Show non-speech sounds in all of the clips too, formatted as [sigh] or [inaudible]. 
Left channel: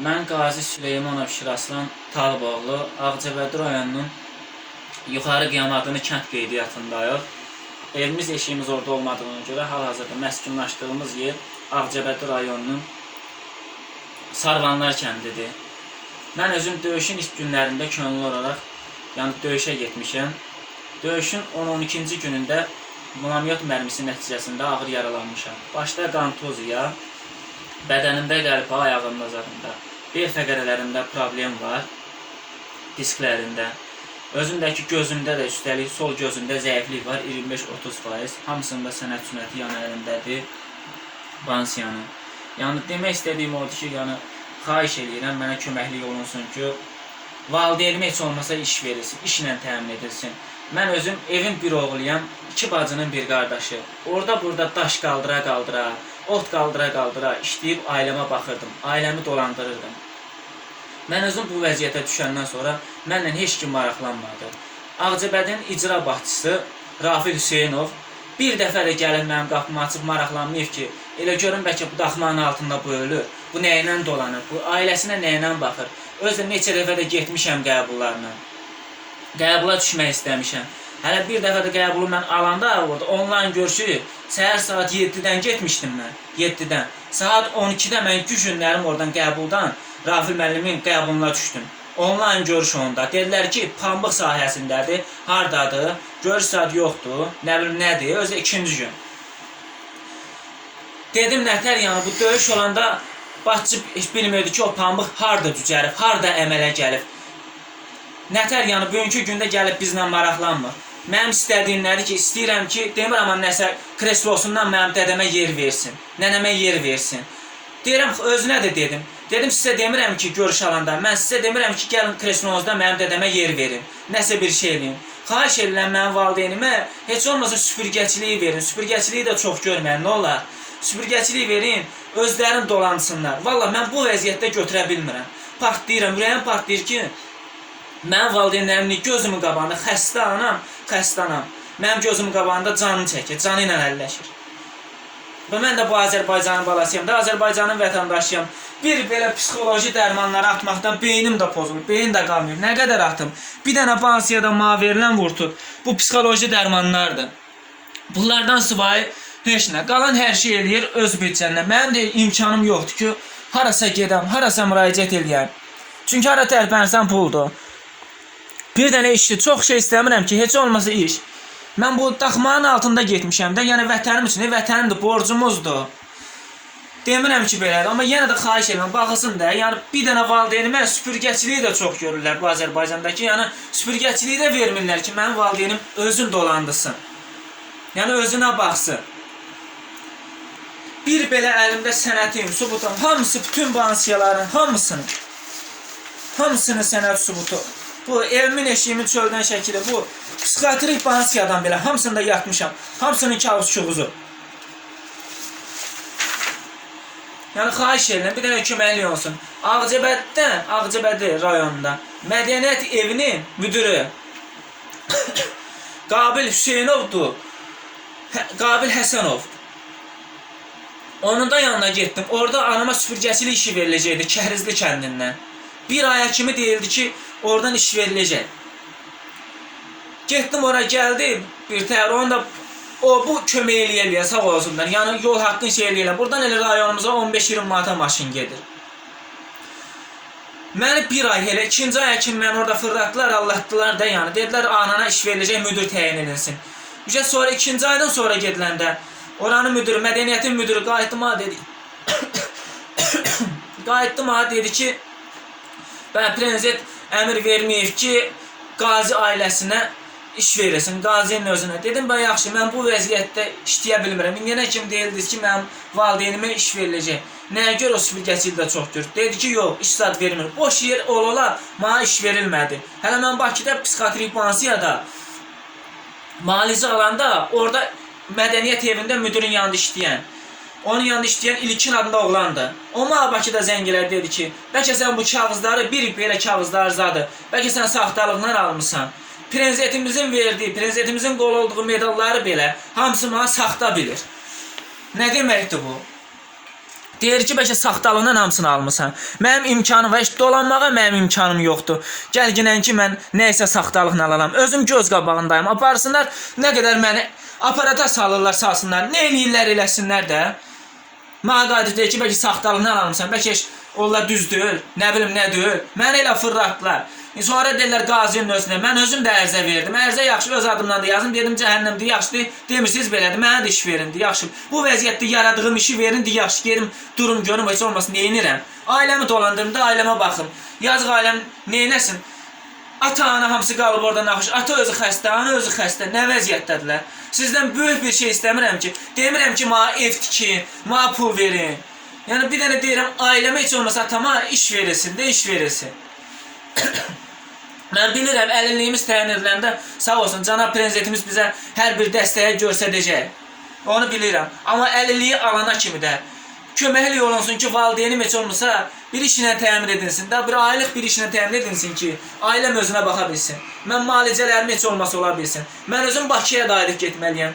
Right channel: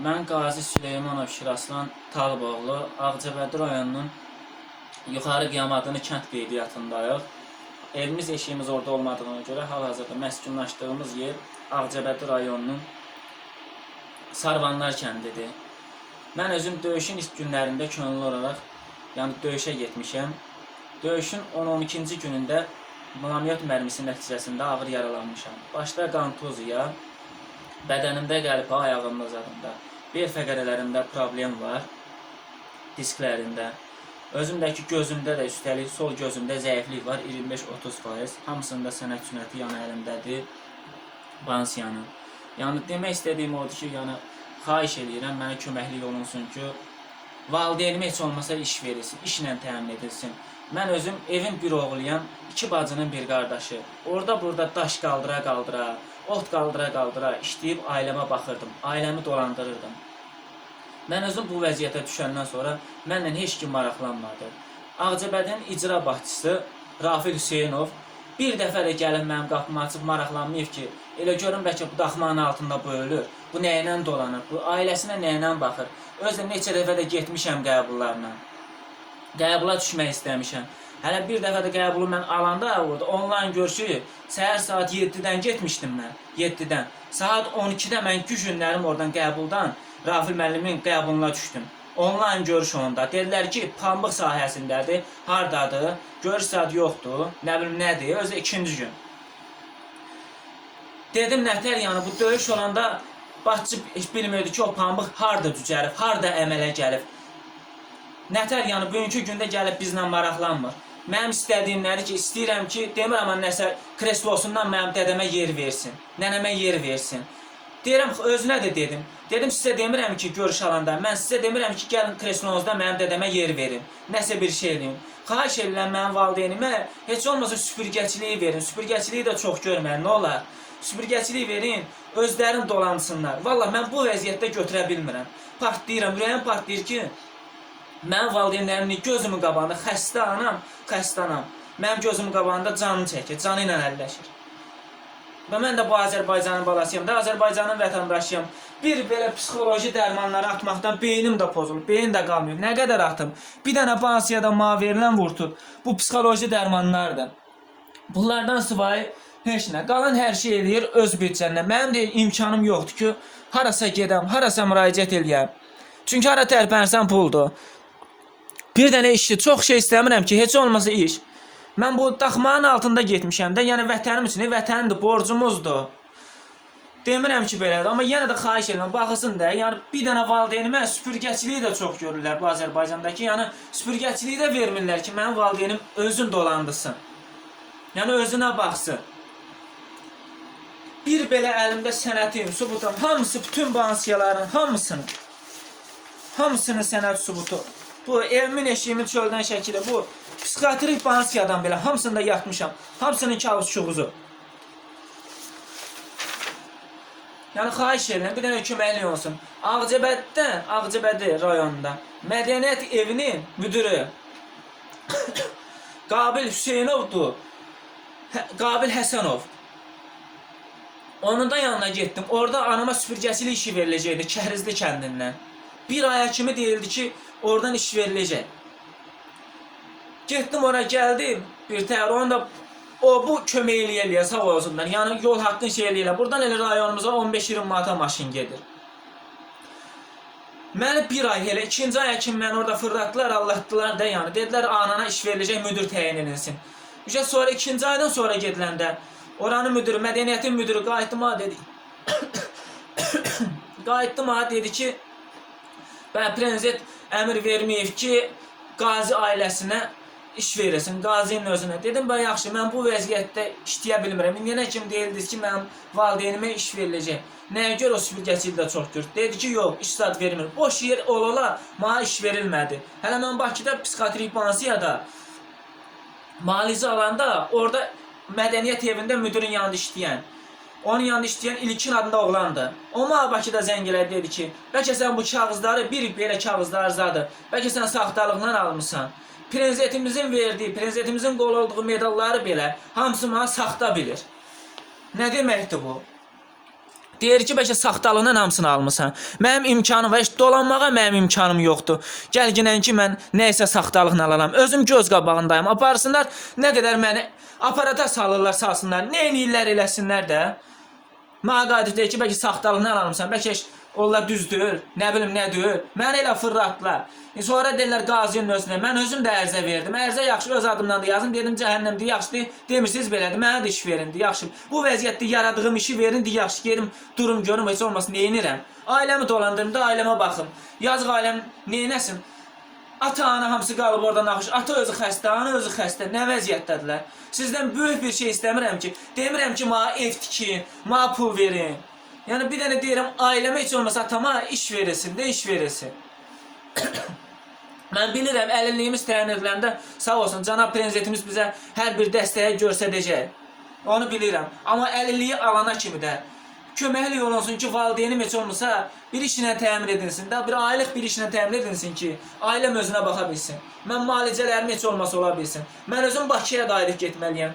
Mən Qazi Süleymanov Şiraslan Talıboğlu, Ağcabədi rayonunun Yuxarı Qiyamadını kənd qeydiyyatındayıq. Evimiz, eşiyimiz orada olmadığına görə hal-hazırda məskunlaşdığımız yer Ağcabədi rayonunun Sarvanlar kəndidir. Mən özüm döyüşün ilk günlərində könüllü olaraq, yəni döyüşə getmişəm. Döyüşün 10-12-ci günündə Mulamyot mərmisi nəticəsində ağır yaralanmışam. Başda qan tozuya, bədənimdə qəlbə, ayağımda zadında, bel fəqərələrimdə problem var, disklərində. Özümdəki gözümdə də üstəlik sol gözümdə zəiflik var, 25-30%. Hamısında sənət sünəti yan əlindədir. Bansiyanın. Yəni demək istədiyim odur ki, yəni xahiş eləyirəm mənə köməklik olunsun ki, valideynimə heç olmasa iş verilsin, işlə təmin edilsin. Mən özüm evin bir oğluyam, iki bacının bir qardaşı. Orada burada daş qaldıra qaldıra, ot qaldıra qaldıra işləyib ailəmə baxırdım, ailəmi dolandırırdım. Mən özüm bu vəziyyətə düşəndən sonra mənlə heç kim maraqlanmadı. Ağcabədin icra başçısı Rafil Hüseynov bir dəfə də gəlib mənim qapımı açıb maraqlanmayıb ki, elə görün bəlkə bu daxmanın altında bu ölür, bu nəylə dolanır, bu ailəsinə nəylə baxır. Özüm neçə dəfə də getmişəm qəbullarla. Qəbula düşmək istəmişəm. Hələ bir dəfə də qəbulu mən alanda orada onlayn görüşü səhər saat 7-dən getmişdim mən. 7-dən. Saat 12-də mən gücünlərim oradan qəbuldan Rafil müəllimin qəbuluna düşdüm. Onlayn görüş onda. Dedilər ki, pambıq sahəsindədir. Hardadır? Görüş saat yoxdur. Nə bilim nədir? Özü ikinci gün. Dedim nətər yəni bu döyüş olanda heç bilmirdi ki, o pambıq harda cücərib, harda əmələ gəlib. Nətər yəni bugünkü gündə gəlib bizlə maraqlanmır. Mənim istədiyim nədir ki, istəyirəm ki, demirəm amma nəsə kreslosundan mənim dədəmə yer versin, nənəmə yer versin. Deyirəm, özünə də dedim. Dedim sizə demirəm ki, görüş alanda, mən sizə demirəm ki, gəlin kreslonuzda mənim dədəmə yer verin. Nəsə bir şey eləyin. Xahiş edirəm mənim valideynimə heç olmasa süpürgəçiliyi verin. Süpürgəçiliyi də çox görməyin, nə olar? Süpürgəçiliyi verin, özlərim dolansınlar. Valla mən bu vəziyyətdə götürə bilmirəm. Partlayıram, ürəyim partlayır ki, Mənim valideynlərimin gözümün qabağında xəstə anam, xəstə anam. Mənim gözümün qabağında canını çəkir, canı ilə əlləşir. Və mən də bu Azərbaycanın balasıyam da, Azərbaycanın vətəndaşıyam. Bir belə psixoloji dərmanları atmaqdan beynim də pozulur, beyin də qalmıyor. Nə qədər atım? Bir dənə bansiyada mənə verilən vurtut. Bu psixoloji dərmanlardır. Bunlardan sıvayı heç nə. Qalan hər şey eləyir öz büdcəndən. Mənim də imkanım yoxdur ki, harasa gedəm, harasa müraciət eləyəm. Çünki hara tərpənsəm puldur. Bir dənə işdir. Çox şey istəmirəm ki, heç olmasa iş. Mən bu daxmanın altında getmişəm də, yəni vətənim üçün, vətənimdir, borcumuzdur. Demirəm ki belədir, amma yenə də xahiş edirəm, baxılsın da. Yəni bir dənə valideynimə süpürgəçiliyi də çox görürlər bu Azərbaycandakı. Yəni süpürgəçiliyi də vermirlər ki, mənim valideynim özün dolandırsın. Yəni özünə baxsın. Bir belə əlimdə sənətim, sübutum, hamısı bütün bansiyaların hamısını hamısının sənəd sübutu. Bu evimin eşiğimin çöldən şəkili, bu psixiatrik bansiyadan belə hamısında yatmışam. Hamısının kağız çuğuzu. Yəni xahiş edirəm, bir dənə köməklik olsun. Ağcabəddə, Ağcabədi rayonunda Mədəniyyət evinin müdürü [coughs] Qabil Hüseynovdur. Hə, Qabil Həsənov. Onun da yanına getdim. Orada anama süpürgəçilik işi veriləcəkdi Kəhrizli kəndindən. Bir aya kimi deyildi ki, oradan iş veriləcək. Getdim ora gəldim. Bir təhər onu da o bu kömək eləyə sağ olsunlar. Yəni yol haqqını şey eləyə. Buradan elə rayonumuza 15-20 manata maşın gedir. Məni bir ay elə ikinci ay kimi məni orada fırlatdılar, Allahdılar da yəni. Dedilər anana iş veriləcək, müdür təyin edilsin. Üçə sonra ikinci aydan sonra gediləndə oranın müdürü, mədəniyyətin müdürü qayıtdı mənə dedi. [coughs] qayıtdı mənə dedi ki, ben prezident əmr verməyib ki, qazi ailəsinə iş verilsin, qazinin özünə. Dedim, ben yaxşı, mən bu vəziyyətdə işləyə bilmirəm. İndiyənə kimi deyildiniz ki, mənim valideynimə iş veriləcək. Nəyə görə o süpürgəçili də çox görür? Dedi ki, yox, iş zad vermir. Boş yer olala, mənə iş verilmədi. Hələ mən Bakıda psixiatrik bansiyada malizə alanda orada mədəniyyət evində müdürün yanında işləyən onun yanında işləyən İlkin adında oğlandı. O mənə Bakıda zəng elədi dedi ki, bəlkə sən bu kağızları bir belə kağızlar zadı. Bəlkə sən saxtalıqla almısan. Prezidentimizin verdiyi, prezidentimizin qol olduğu medalları belə hamısı mənə saxta bilir. Nə deməkdir bu? Deyir ki, bəlkə saxtalığından hamısını almısan. Mənim imkanım var, dolanmağa mənim imkanım yoxdur. Gəl ginən ki, mən nə isə saxtalıqla alaram. Özüm göz qabağındayım. Aparsınlar, nə qədər məni aparata salırlar, salsınlar. Nə eləyirlər, eləsinlər də. Qayıdıb deyir ki, bəlkə saxtalığını alamısan, bəlkə onlar düz deyil, nə bilim nə deyil. Məni elə fırlatdılar. Sonra deyirlər qazinin özünə. Mən özüm də ərizə verdim. Ərizə yaxşı öz adımdan da yazın. Dedim cəhənnəmdir, yaxşıdır. Demirsiniz belədir. Mənə də iş verin, yaxşı. Bu vəziyyətdə yaradığım işi verin, yaxşı. Gedim durum görüm heç olmasın, neyinirəm. Ailəmi dolandırım da ailəmə baxım. Yazıq ailəm neynəsin? Ata ana hamısı qalıb orada naxış. Ata özü xəstə, ana özü xəstə. Nə vəziyyətdədirlər? Sizdən böyük bir şey istəmirəm ki, demirəm ki, mənə ev tikin, mənə pul verin. Yəni bir dənə deyirəm, ailəmə heç olmasa atama iş verilsin də iş verilsin. [coughs] Mən bilirəm, əlilliyimiz təyin ediləndə sağ olsun cənab prezidentimiz bizə hər bir dəstəyi göstərəcək. Onu bilirəm. Amma əlilliyi alana kimi də köməkli olunsun ki, valideynim heç olmasa bir işlə təmin edilsin də, bir aylıq bir işlə təmin edilsin ki, ailəm özünə baxa bilsin. Mən müalicələrim heç olmasa ola bilsin. Mən özüm Bakıya da aylıq getməliyəm.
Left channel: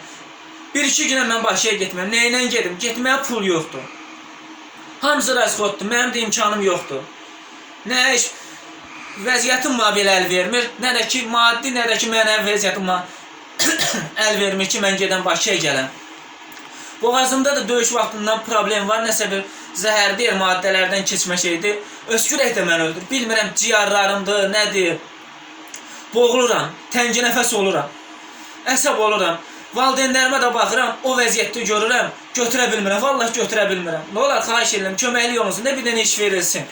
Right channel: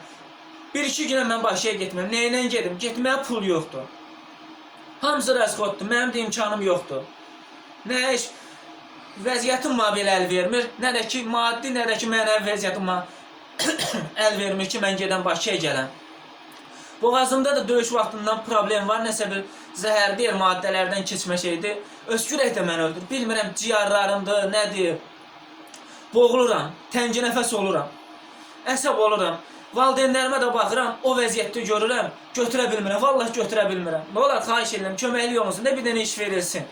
Bir-iki günə mən Bakıya getməm. Nəylə gedim? Getməyə pul yoxdur. Hamısı rəsxotdur. Mənim də imkanım yoxdur. Nə iş vəziyyətim mənə belə əl vermir. Nə də ki maddi, nə də ki mənəvi vəziyyətim [coughs] əl vermir ki, mən gedən Bakıya gələm. Boğazımda da döyüş vaxtından problem var. Nəsə bir zəhər deyil, maddələrdən keçmə şeydir. Öskürək də məni öldür. Bilmirəm ciyarlarımdır, nədir. Boğuluram, təngi nəfəs oluram. Əsəb oluram. Valideynlərimə də baxıram, o vəziyyətdə görürəm, götürə bilmirəm. Vallahi götürə bilmirəm. Nə olar, xahiş edirəm, köməklik olunsun, nə bir dənə iş verilsin.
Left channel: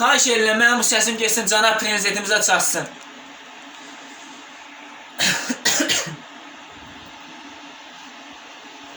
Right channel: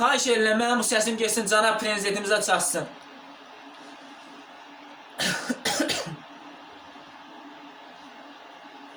Xahiş edirəm, mənim bu səsim getsin, cənab prezidentimizə çatsın.